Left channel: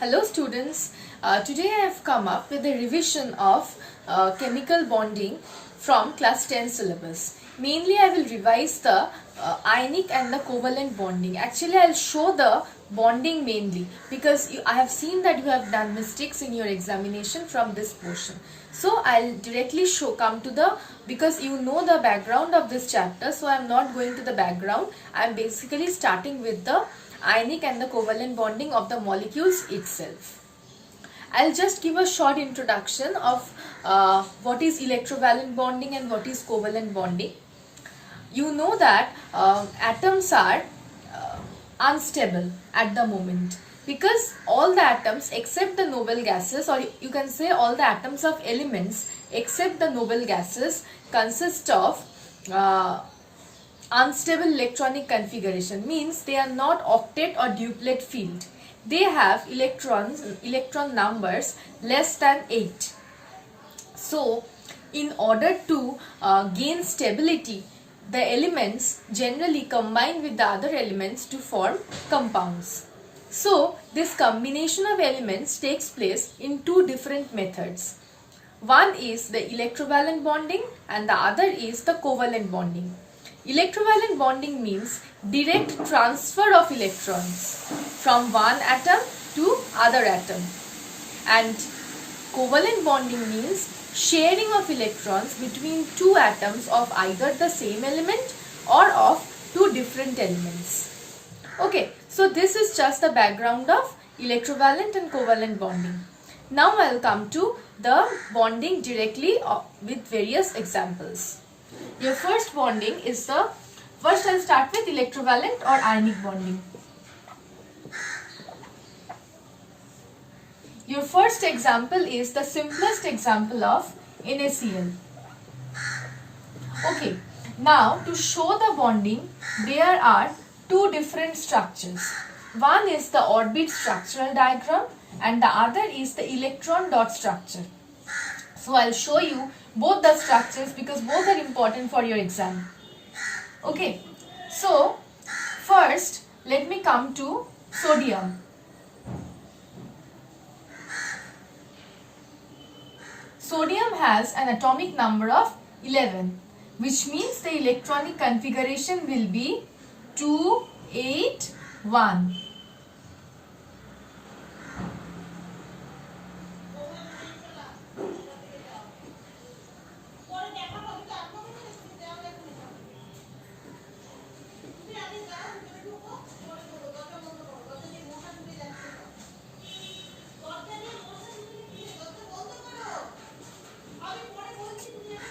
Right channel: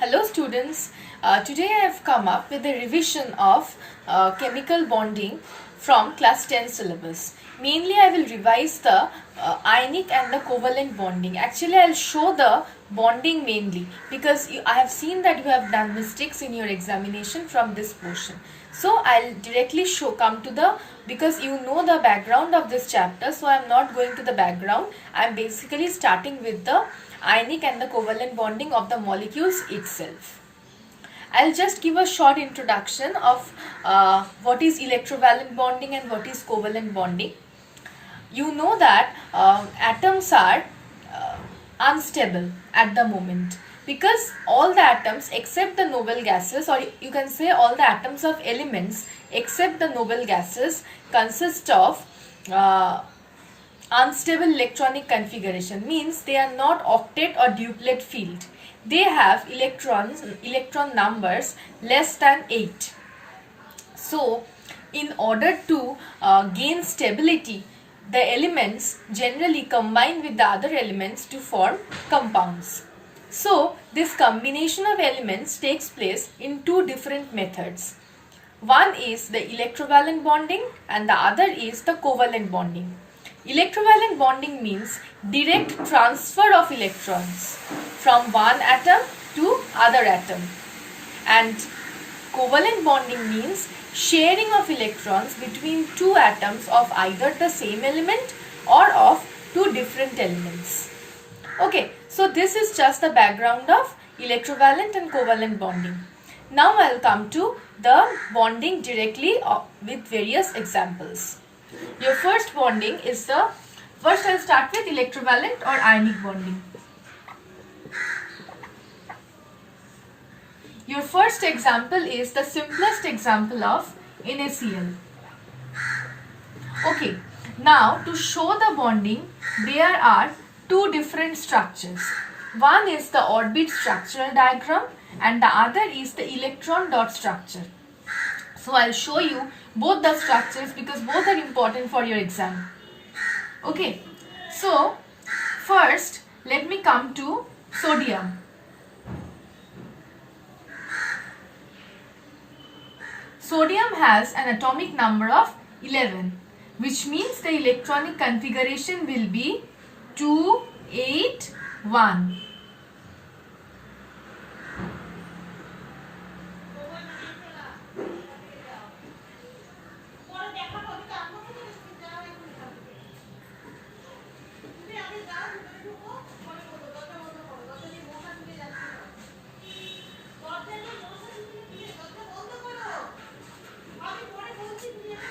Hello students, today I have come up with a revision of chemical bonding from class 10 syllabus. Mainly I will revise the ionic and the covalent bonding. Actually I will show the bonding mainly because I have seen that you have done mistakes in your examination from this portion. So I will directly come to the, because you know the background of this chapter, so I am not going to the background. I am basically starting with the ionic and the covalent bonding of the molecules itself. I'll just give a short introduction of what is electrovalent bonding and what is covalent bonding. You know that atoms are unstable at the moment because all the atoms except the noble gases, or you can say all the atoms of elements except the noble gases, consist of unstable electronic configuration, means they are not octet or duplet field. They have electron numbers less than 8. So in order to gain stability, the elements generally combine with the other elements to form compounds. So this combination of elements takes place in two different methods. One is the electrovalent bonding and the other is the covalent bonding. Electrovalent bonding means direct transfer of electrons from one atom to other atom, and covalent bonding means sharing of electrons between two atoms of either the same element or of two different elements. Okay, so this is just the background of electrovalent and covalent bonding. Now I will come to the bonding directly with various examples. Your first bonding is first I'll start with electrovalent or ionic bonding. Your first example is the simplest example of NaCl. Okay, now to show the bonding, there are two different structures. One is the orbit structural diagram and the other is the electron dot structure. So I'll show you both the structures because both are important for your exam. Okay, so first let me come to sodium. Sodium has an atomic number of 11, which means the electronic configuration will be 2, 8, 1.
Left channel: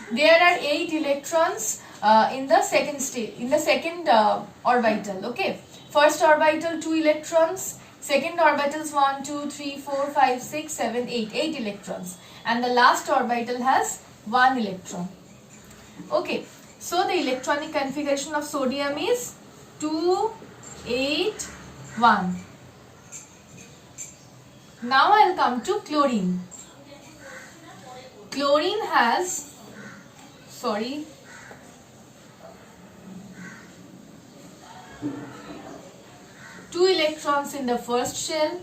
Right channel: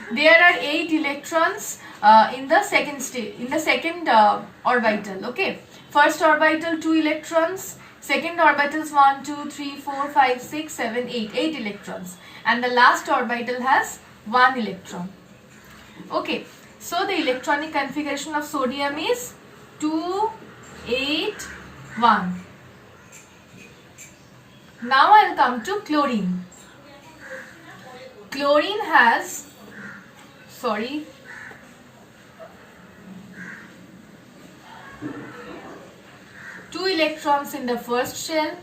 There are 8 electrons in the second orbital. Okay, first orbital 2 electrons, second orbitals 1, 2, 3, 4, 5, 6, 7, 8, 8 electrons, and the last orbital has 1 electron. Okay, so the electronic configuration of sodium is 2, 8, 1. Now I will come to chlorine. Chlorine has 2 electrons in the first shell,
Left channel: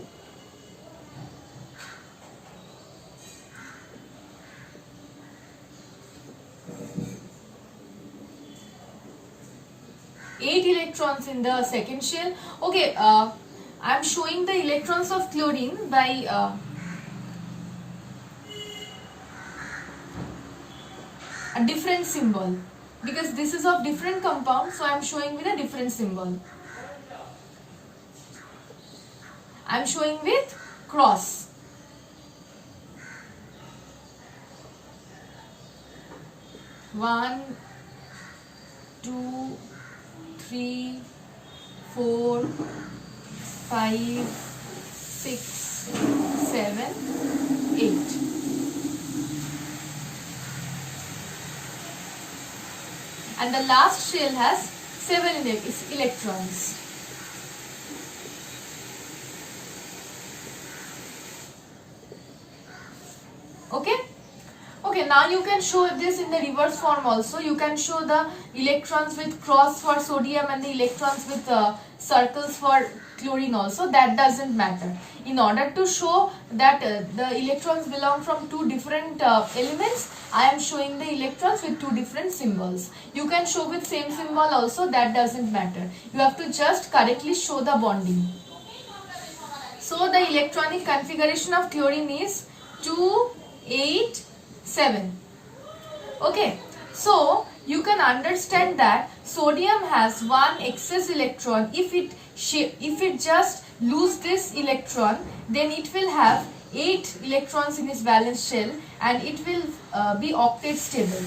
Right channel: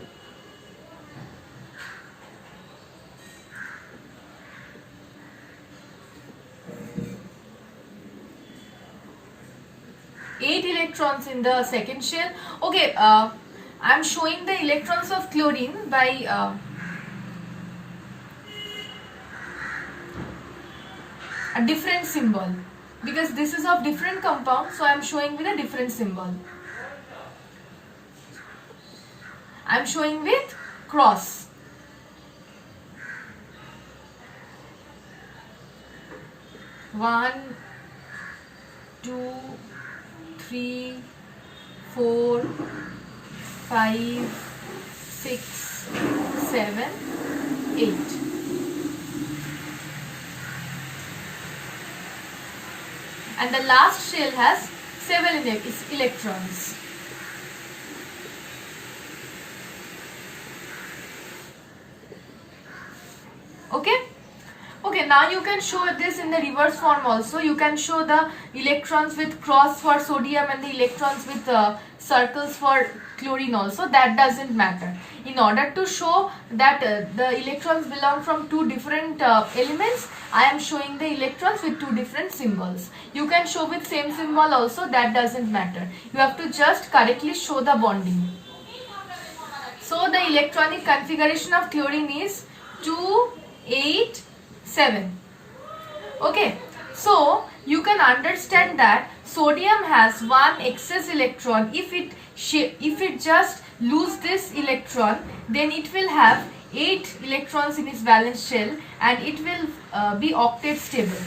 eight electrons in the second shell. Okay, I am showing the electrons of chlorine by a different symbol because this is of different compound, so I am showing with a different symbol. I am showing with cross. One, 2, 3, 4, 5, 6, 7, 8. And the last shell has 7 electrons. Okay. Okay, now you can show this in the reverse form also. You can show the electrons with cross for sodium and the electrons with circles for chlorine also. That doesn't matter. In order to show that the electrons belong from two different elements, I am showing the electrons with two different symbols. You can show with same symbol also, that doesn't matter. You have to just correctly show the bonding. So the electronic configuration of chlorine is 2, 8, 7. Okay, so you can understand that sodium has one excess electron. If it just lose this electron, then it will have 8 electrons in its valence shell and it will be octet stable.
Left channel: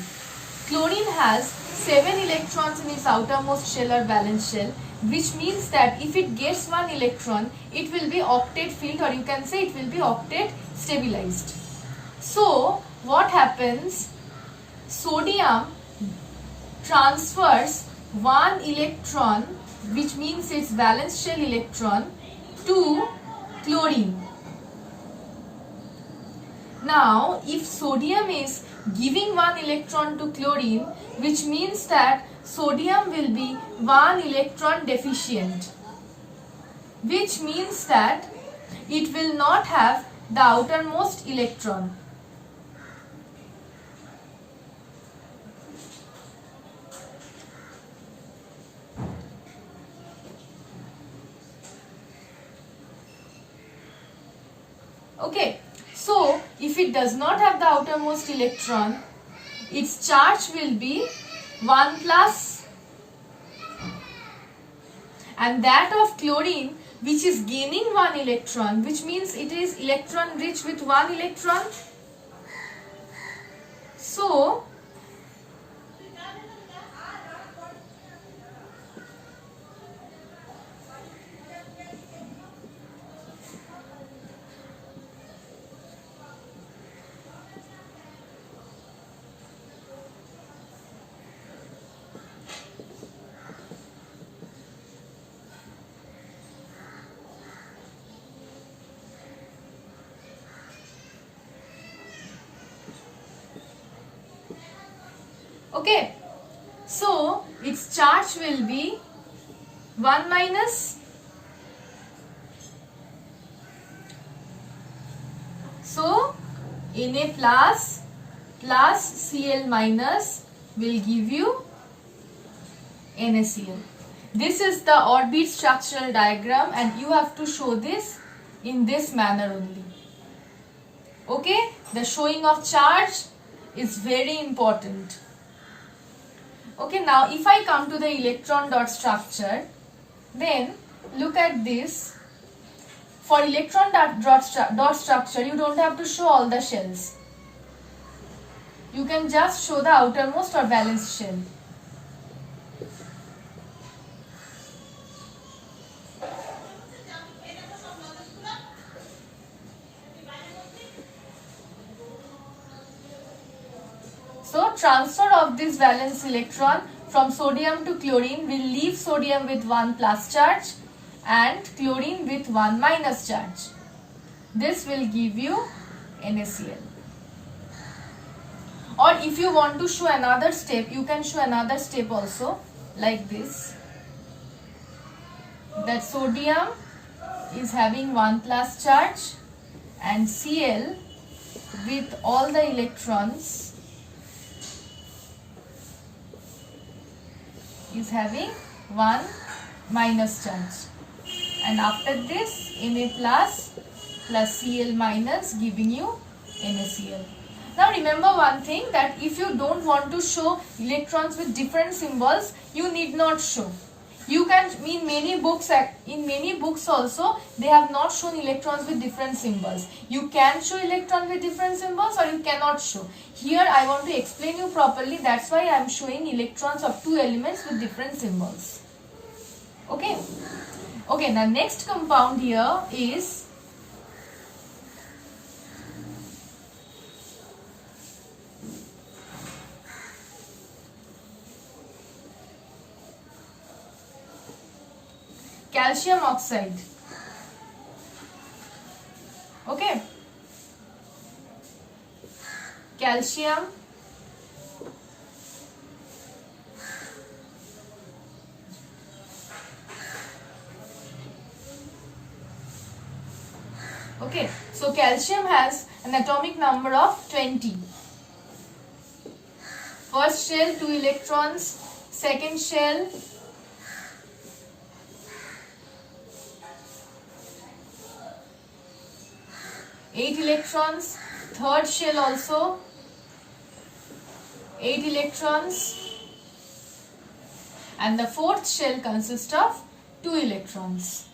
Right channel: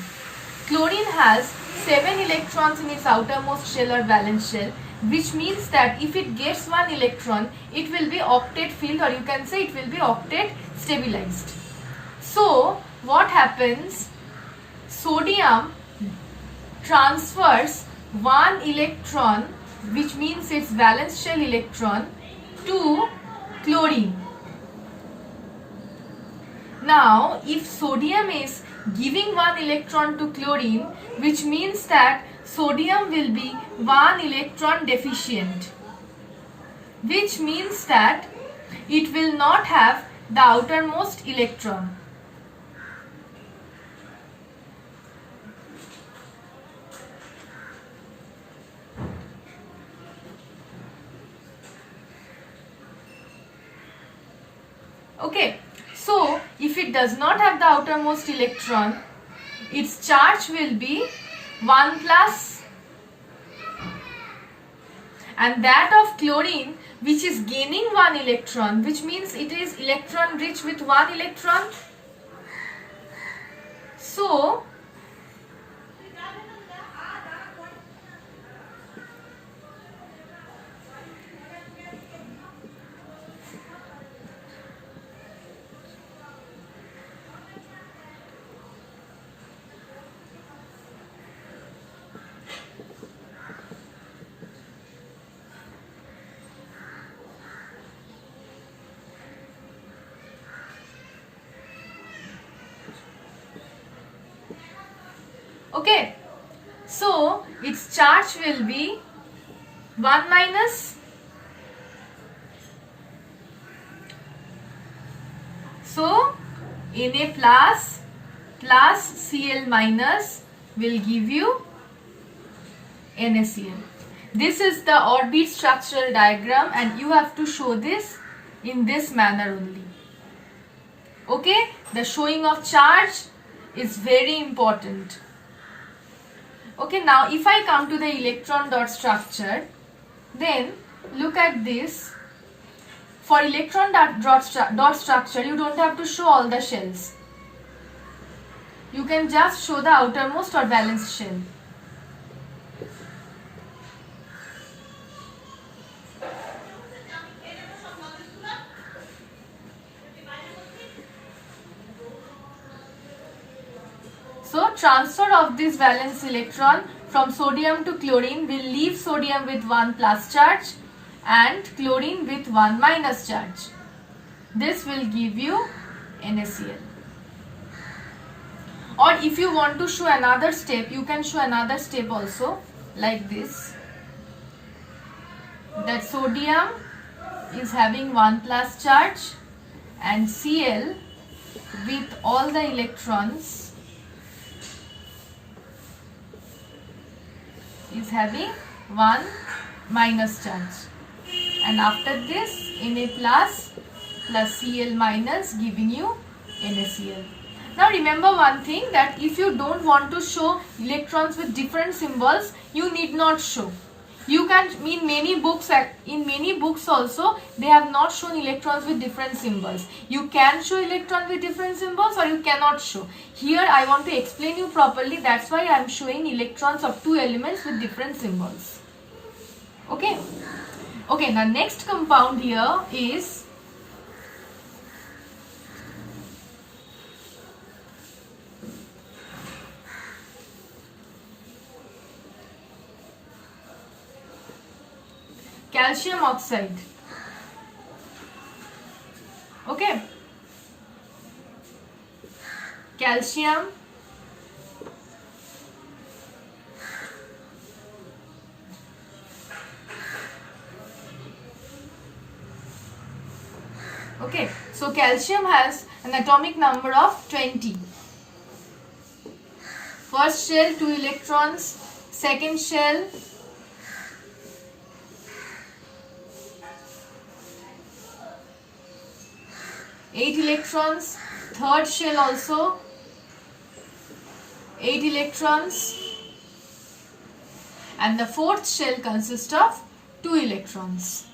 Chlorine has 7 electrons in its outermost shell or valence shell, which means that if it gets one electron, it will be octet filled, or you can say it will be octet stabilized. So what happens? Sodium transfers one electron, which means its valence shell electron, to chlorine. Now if sodium is giving one electron to chlorine, which means that sodium will be one electron deficient, which means that it will not have the outermost electron. Okay, so if it does not have the outermost electron, its charge will be 1 plus, and that of chlorine, which is gaining one electron, which means it is electron rich with one electron. So okay, so its charge will be 1 minus. So Na plus Cl minus will give you NaCl. This is the orbit structural diagram, and you have to show this in this manner only. Okay, the showing of charge is very important. Okay, now if I come to the electron dot structure, then look at this. For electron dot structure, you don't have to show all the shells. You can just show the outermost or valence shell. So transfer of this valence electron from sodium to chlorine will leave sodium with 1 plus charge and chlorine with 1 minus charge. This will give you NaCl. Or if you want to show another step, you can show another step also, like this. That sodium is having 1 plus charge and Cl with all the electrons is having 1 minus charge, and after this Na plus Cl minus giving you NaCl. Now remember one thing, that if you don't want to show electrons with different symbols, you need not show. You can, in many books also, they have not shown electrons with different symbols. You can show electron with different symbols or you cannot show. Here I want to explain you properly, that's why I am showing electrons of two elements with different symbols. Okay. Okay, the next compound here is calcium oxide. Okay. calcium, okay, so calcium has an atomic number of 20. First shell 2 electrons, second shell 8 electrons, third shell also 8 electrons, and the fourth shell consists of 2 electrons.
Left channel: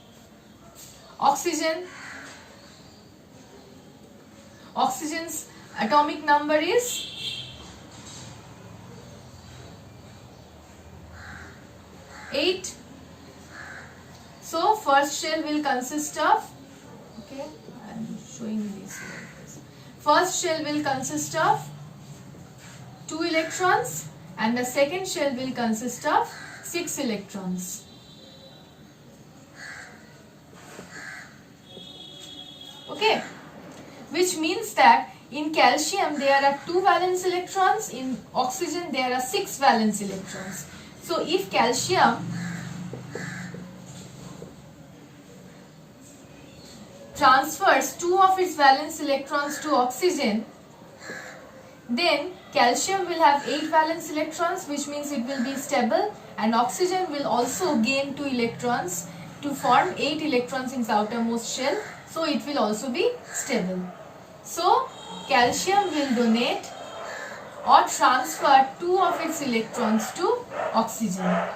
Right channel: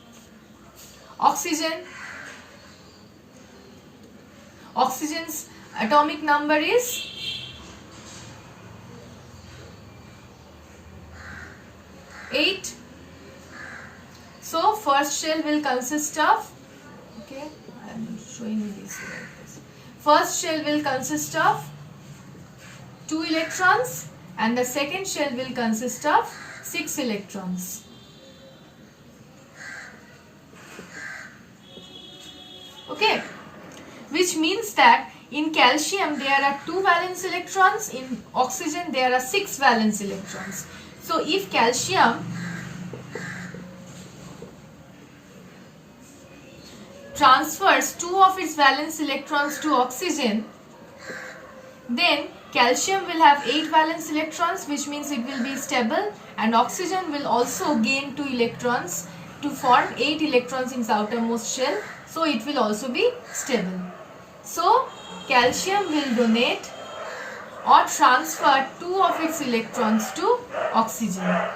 Oxygen's atomic number is 8. So first shell will consist of, okay, I am showing you this. First shell will consist of 2 electrons and the second shell will consist of 6 electrons. Okay, which means that in calcium there are 2 valence electrons, in oxygen there are 6 valence electrons. So if calcium transfers 2 of its valence electrons to oxygen, then calcium will have 8 valence electrons, which means it will be stable, and oxygen will also gain 2 electrons to form 8 electrons in its outermost shell, so it will also be stable. So calcium will donate or transfer 2 of its electrons to oxygen.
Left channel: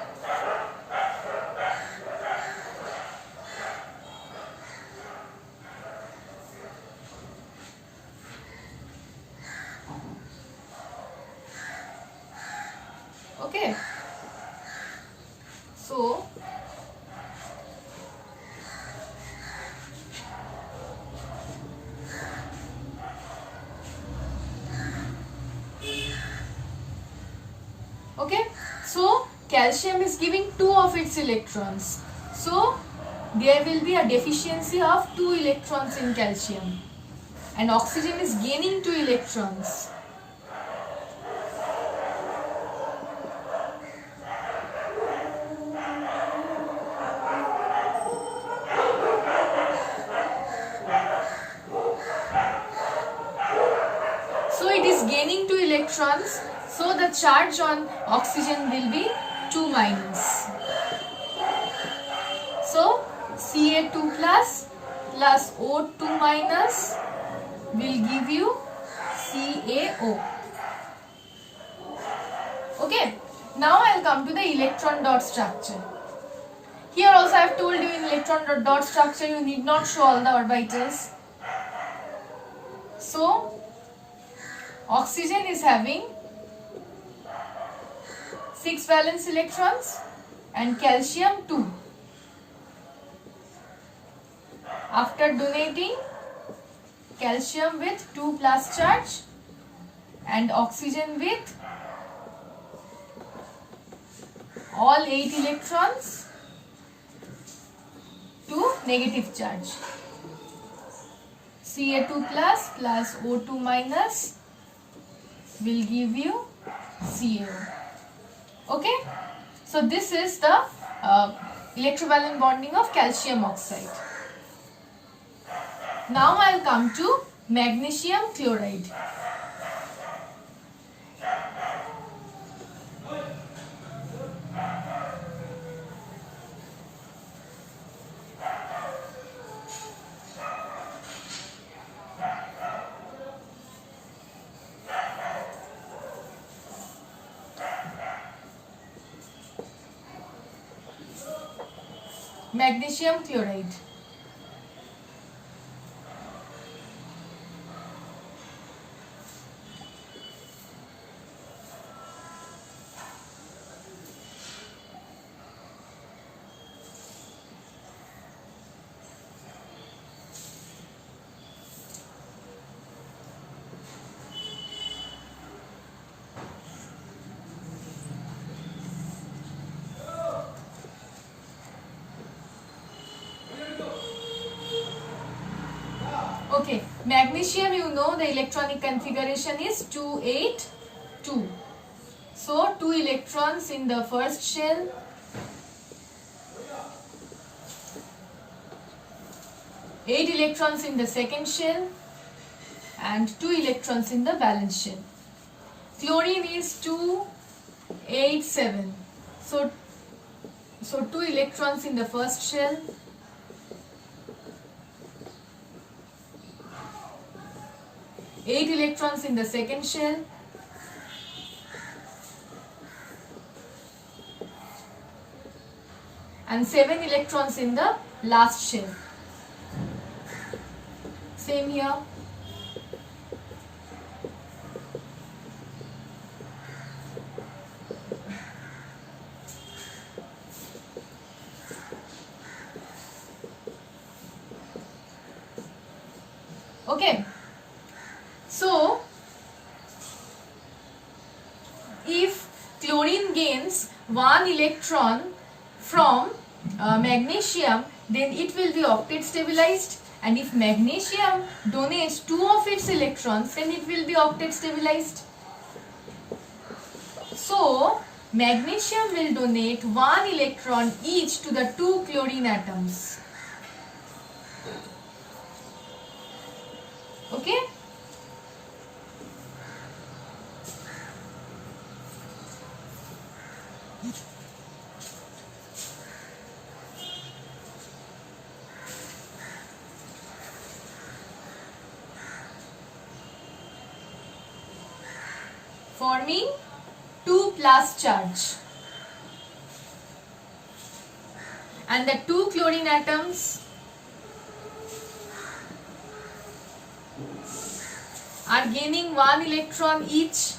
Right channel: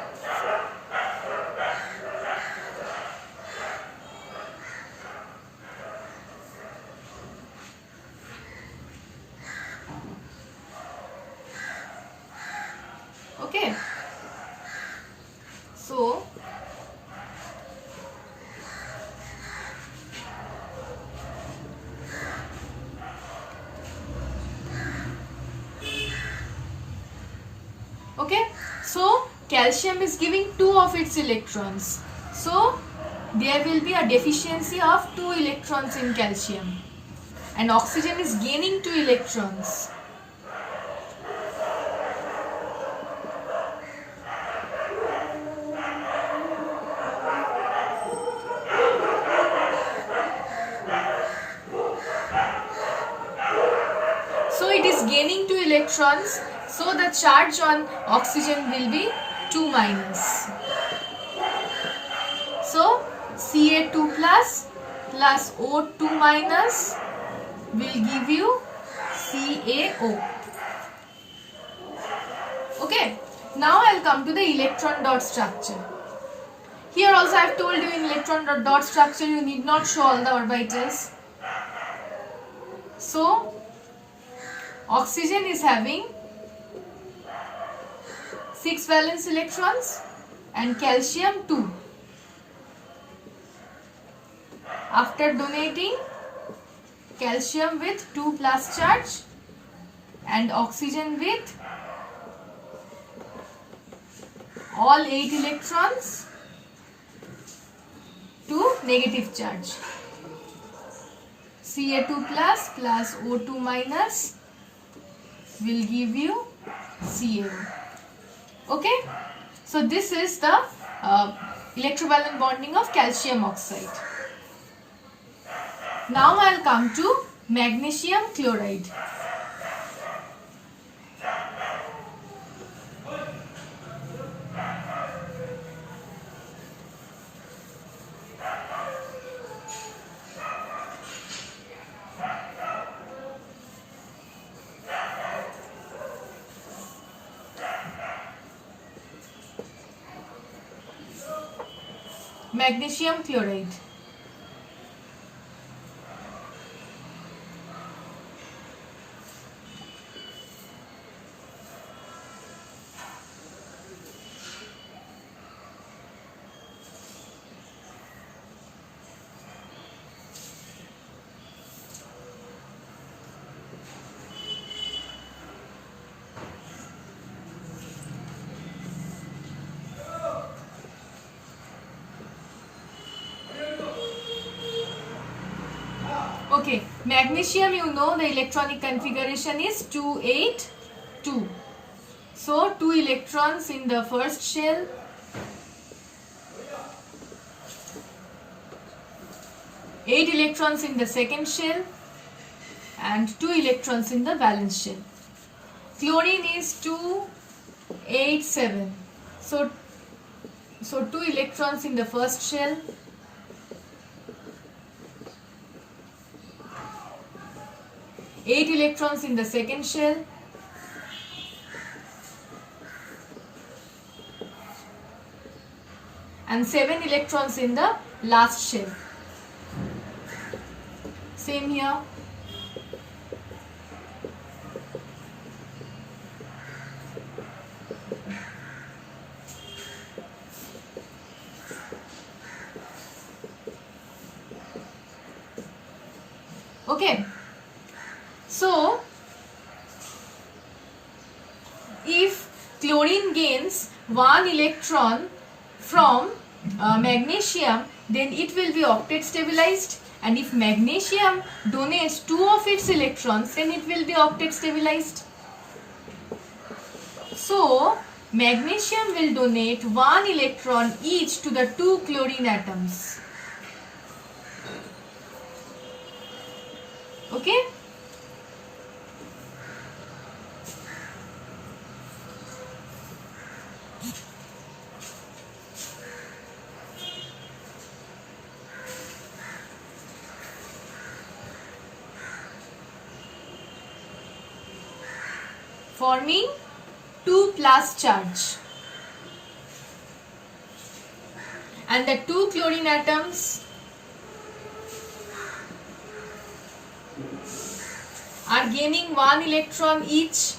Okay, so calcium is giving 2 of its electrons, so there will be a deficiency of 2 electrons in calcium, and oxygen is gaining 2 electrons. So it is gaining 2 electrons, so the charge on oxygen will be 2 minus. So Ca2 plus O2 minus will give you CaO. Okay, now I will come to the electron dot structure. Here also I have told you in electron dot structure you need not show all the orbitals. So oxygen is having 6 valence electrons and calcium 2. After donating calcium with 2 plus charge and oxygen with all 8 electrons to negative charge, Ca2 plus O2 minus will give you CaO. Okay, so this is the electrovalent bonding of calcium oxide. Now I will come to magnesium chloride. Magnesium chloride. Okay, magnesium, you know the electronic configuration is 2-8-2. So 2 electrons in the first shell, 8 electrons in the second shell, and 2 electrons in the valence shell. Chlorine is 2-8-7. So 2 electrons in the first shell, 8 electrons in the second shell, and 7 electrons in the last shell. Same here. Okay. So, if chlorine gains 1 electron from magnesium, then it will be octet stabilized, and if magnesium donates 2 of its electrons, then it will be octet stabilized. So, magnesium will donate 1 electron each to the 2 chlorine atoms. Okay? Forming 2 plus charge, and the 2 chlorine atoms are gaining 1 electron each.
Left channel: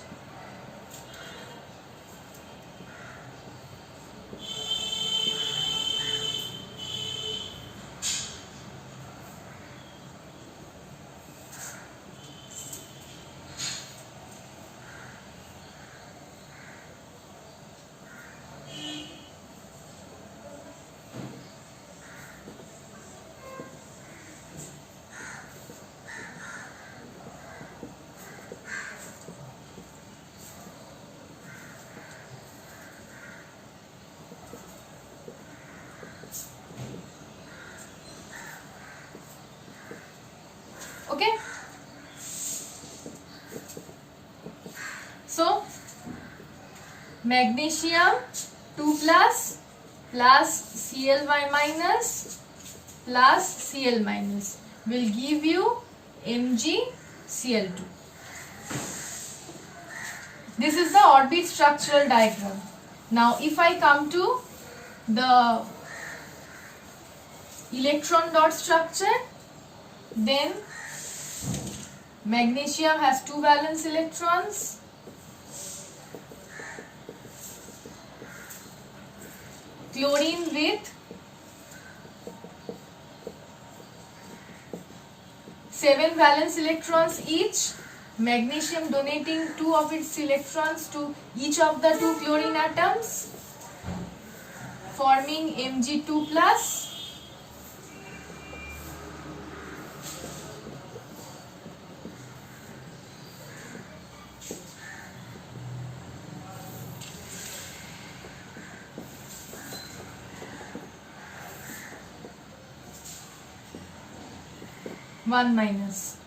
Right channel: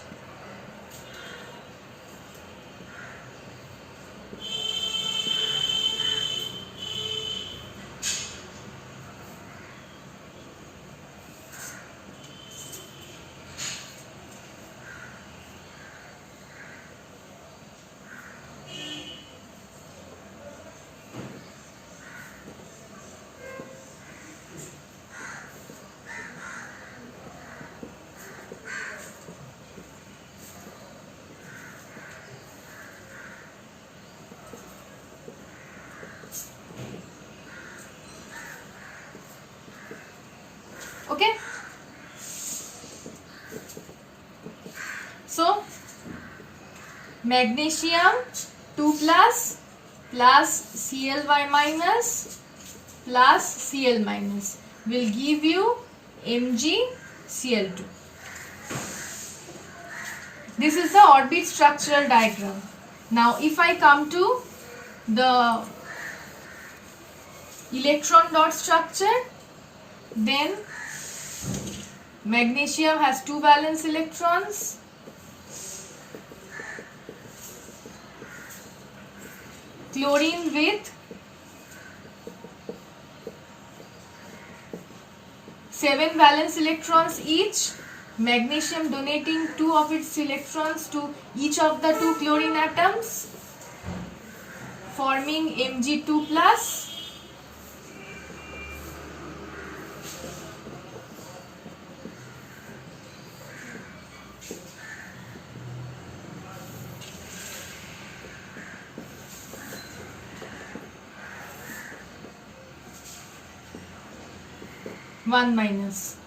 Okay. So, magnesium 2 plus Cl minus plus Cl minus will give you MgCl2. This is the orbit structural diagram. Now, if I come to the electron dot structure, then magnesium has 2 valence electrons, chlorine with 7 valence electrons each, magnesium donating 2 of its electrons to each of the 2 chlorine atoms, forming Mg2 plus. One minus.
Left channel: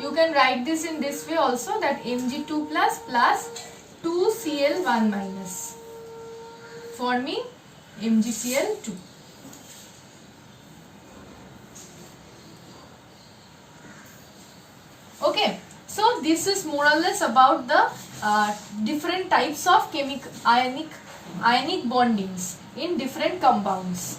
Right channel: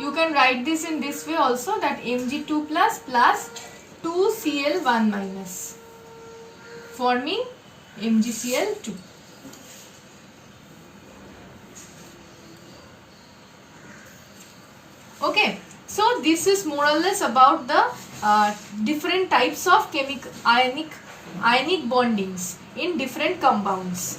You can write this in this way also, that Mg2 plus 2 Cl1 minus, forming MgCl2. Okay, so this is more or less about the different types of ionic bondings in different compounds.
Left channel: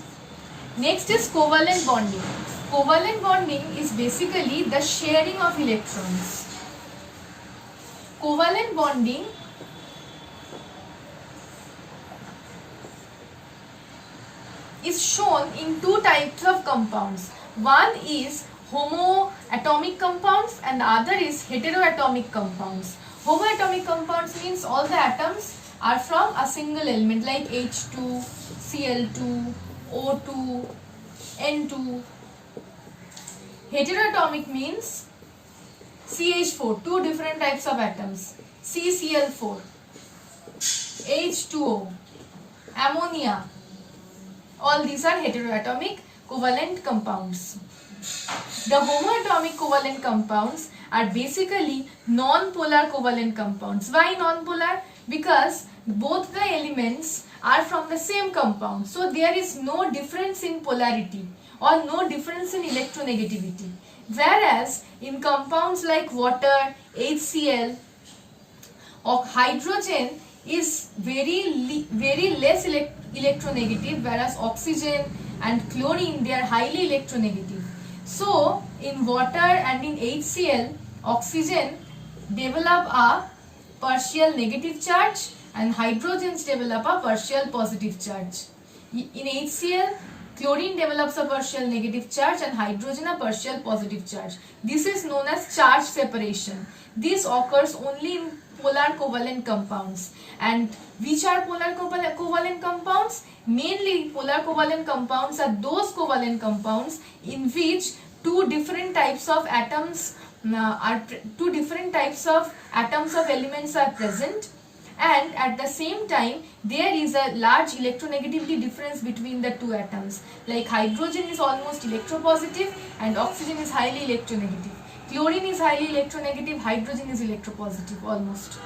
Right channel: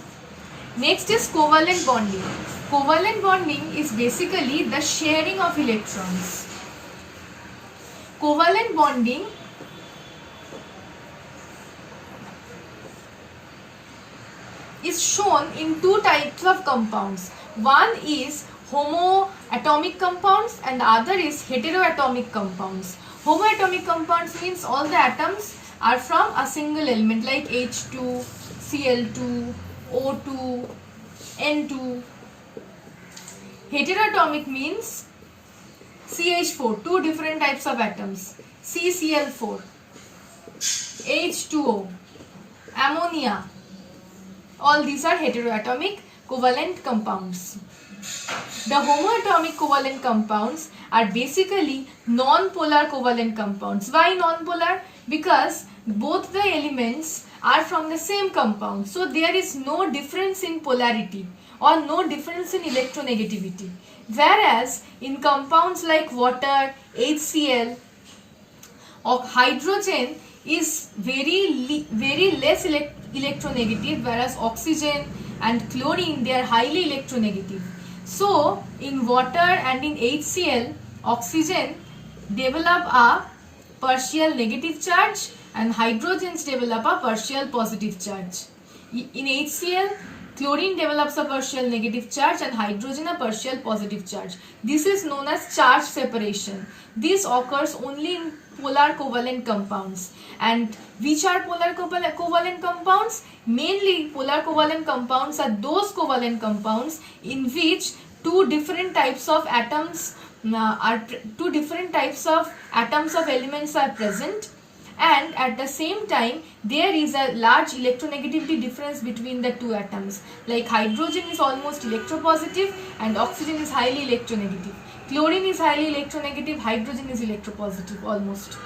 Next is covalent bonding. Covalent bonding is basically the sharing of electrons. Covalent bonding is shown in 2 types of compounds. One is homoatomic compounds and the other is heteroatomic compounds. Homoatomic compounds means all the atoms are from a single element like H2, Cl2, O2, N2. Heteroatomic means CH4, two different types of atoms, CCl4, H2O, ammonia. All these are heteroatomic covalent compounds. The homoatomic covalent compounds are basically non-polar covalent compounds. Why non-polar? Because both the elements are from the same compound. So there is no difference in polarity or no difference in electronegativity. Whereas in compounds like water, HCl, or hydrogen is very less electronegative, whereas oxygen and chlorine, they are highly electronegative. So in water and in HCl, oxygen develop a partial negative charge and hydrogens develop a partial positive charge. In HCl, chlorine develops a partial negative charge and hydrogen a partial positive charge. This is known as charge separation. This occurs only in polar covalent compounds. And which are polar covalent compounds? Mainly polar covalent compounds are those covalent compounds in which two different types of atoms of elements are present, and at the same time there is a large electronegativity difference between the two atoms. Like hydrogen is almost electropositive and oxygen is highly electronegative. Chlorine is highly electronegative, hydrogen is electropositive almost.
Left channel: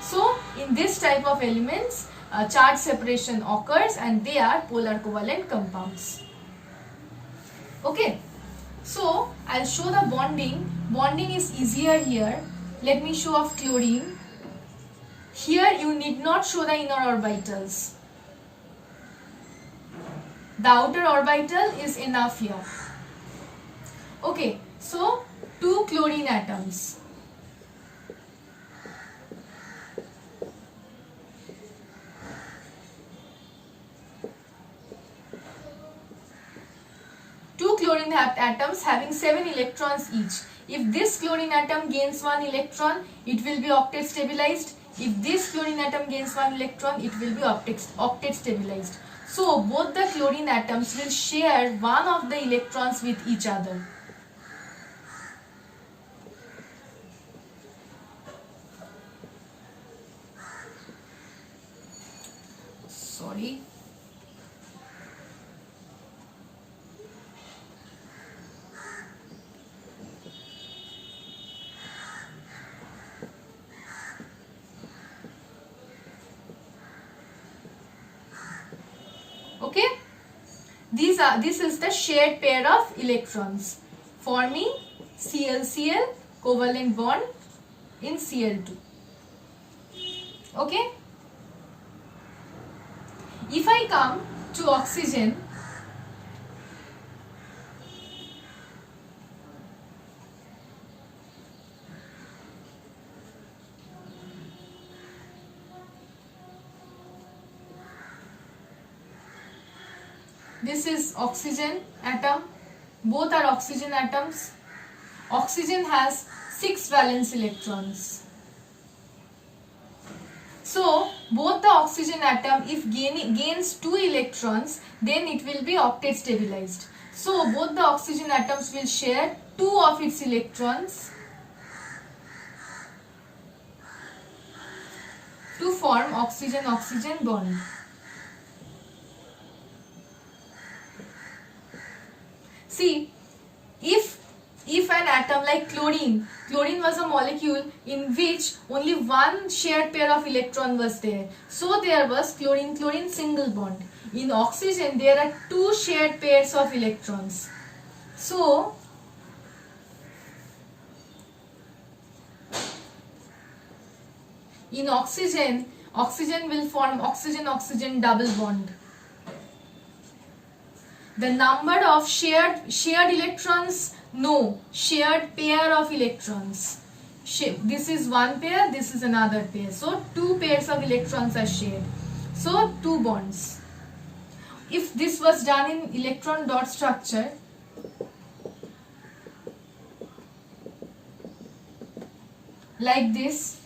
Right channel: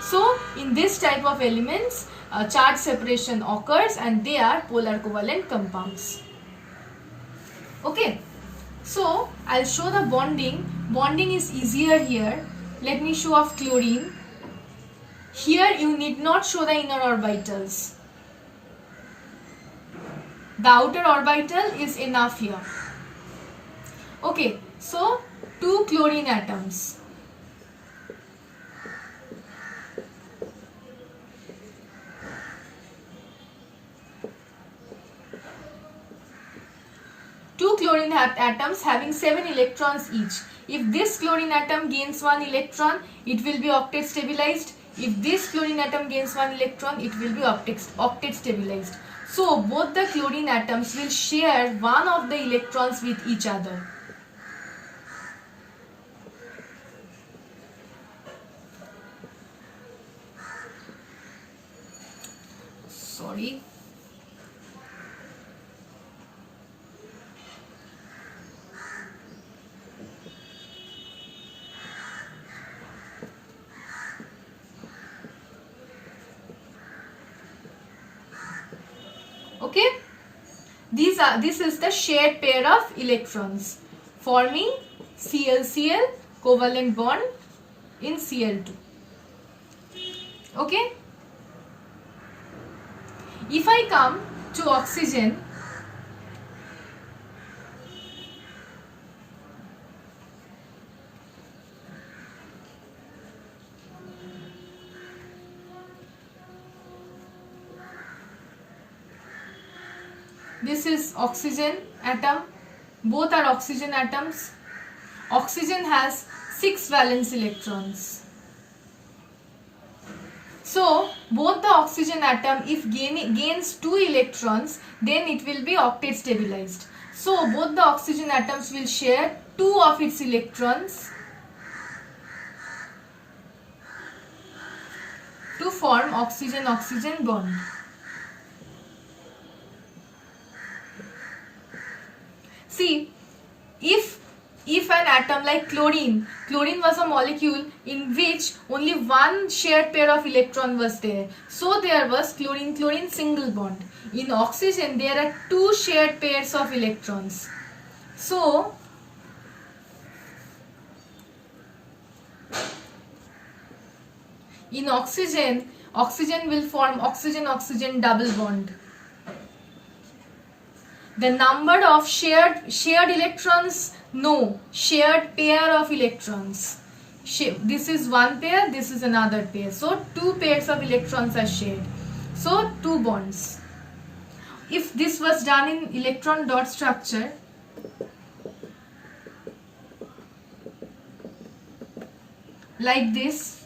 So in this type of elements, charge separation occurs and they are polar covalent compounds. Okay, so I'll show the bonding. Bonding is easier here. Let me show off chlorine. Here you need not show the inner orbitals. The outer orbital is enough here. Okay, so two chlorine atoms. Two chlorine atoms having 7 electrons each. If this chlorine atom gains 1 electron, it will be octet stabilized. If this chlorine atom gains 1 electron, it will be octet stabilized. So both the chlorine atoms will share one of the electrons with each other. Sorry. Okay, this is the shared pair of electrons forming ClCl covalent bond in Cl2. Okay, if I come to oxygen, this is oxygen atom. Both are oxygen atoms. Oxygen has 6 valence electrons. So both the oxygen atom, if gains 2 electrons, then it will be octet stabilized. So both the oxygen atoms will share 2 of its electrons to form oxygen-oxygen bond. See, if an atom like chlorine was a molecule in which only one shared pair of electron was there. So there was chlorine-chlorine single bond. In oxygen, there are 2 shared pairs of electrons. So in oxygen will form oxygen-oxygen double bond. The number of shared electrons, no, shared pair of electrons. This is one pair, this is another pair. So 2 pairs of electrons are shared. So 2 bonds. If this was done in electron dot structure, like this,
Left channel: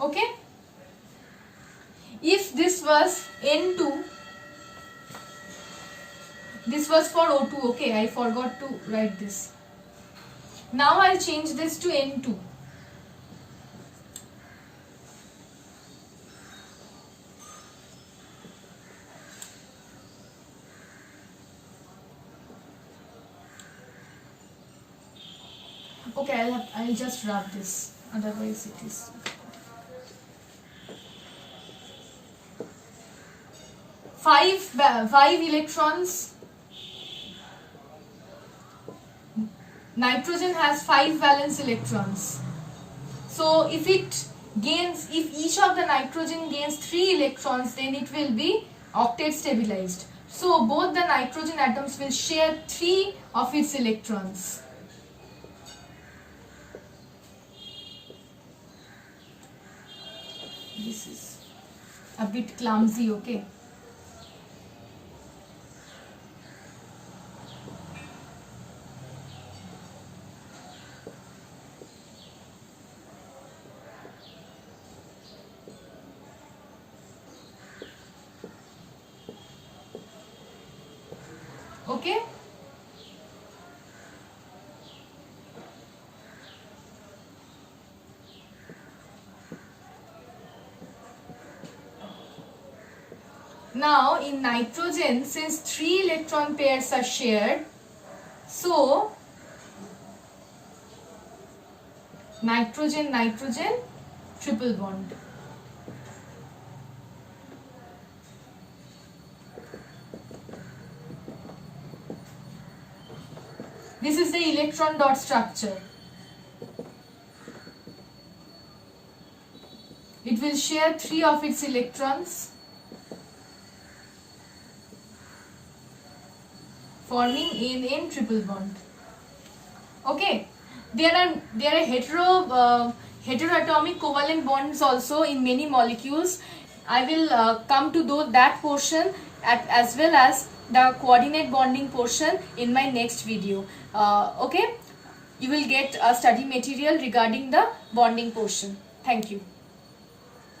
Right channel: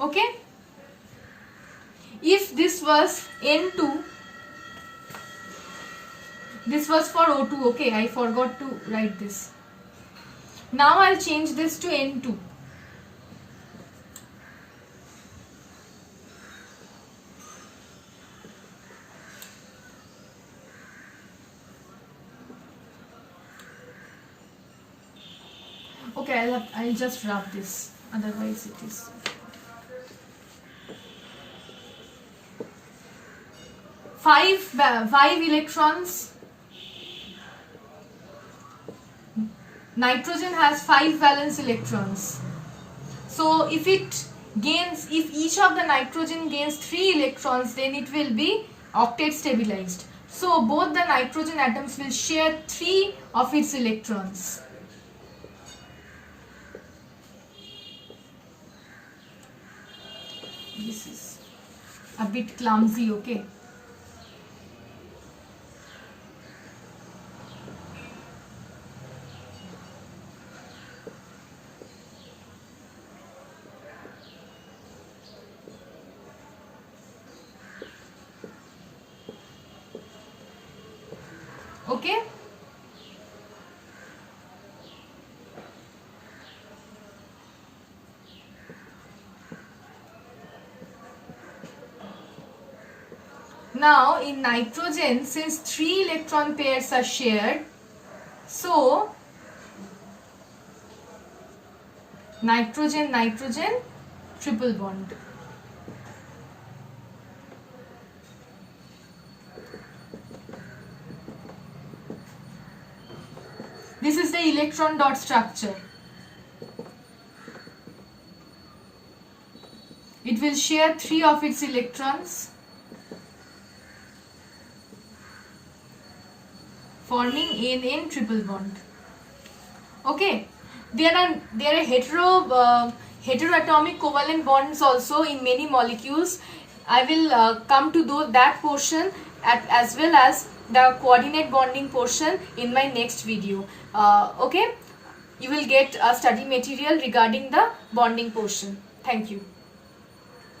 Okay, if this was N2, this was for O2. Okay, I forgot to write this. Now I'll change this to N2. Okay, I'll just rub this, otherwise it is. Five electrons. Nitrogen has 5 valence electrons. So if each of the nitrogen gains 3 electrons, then it will be octet stabilized. So both the nitrogen atoms will share 3 of its electrons. This is a bit clumsy, okay? Okay? Now in nitrogen, since 3 electron pairs are shared, so nitrogen triple bond. This is the electron dot structure. It will share 3 of its electrons, forming NN triple bond. Okay, there are heteroatomic covalent bonds also in many molecules. I will come to that portion as well as the coordinate bonding portion in my next video. Okay, you will get a study material regarding the bonding portion. Thank you.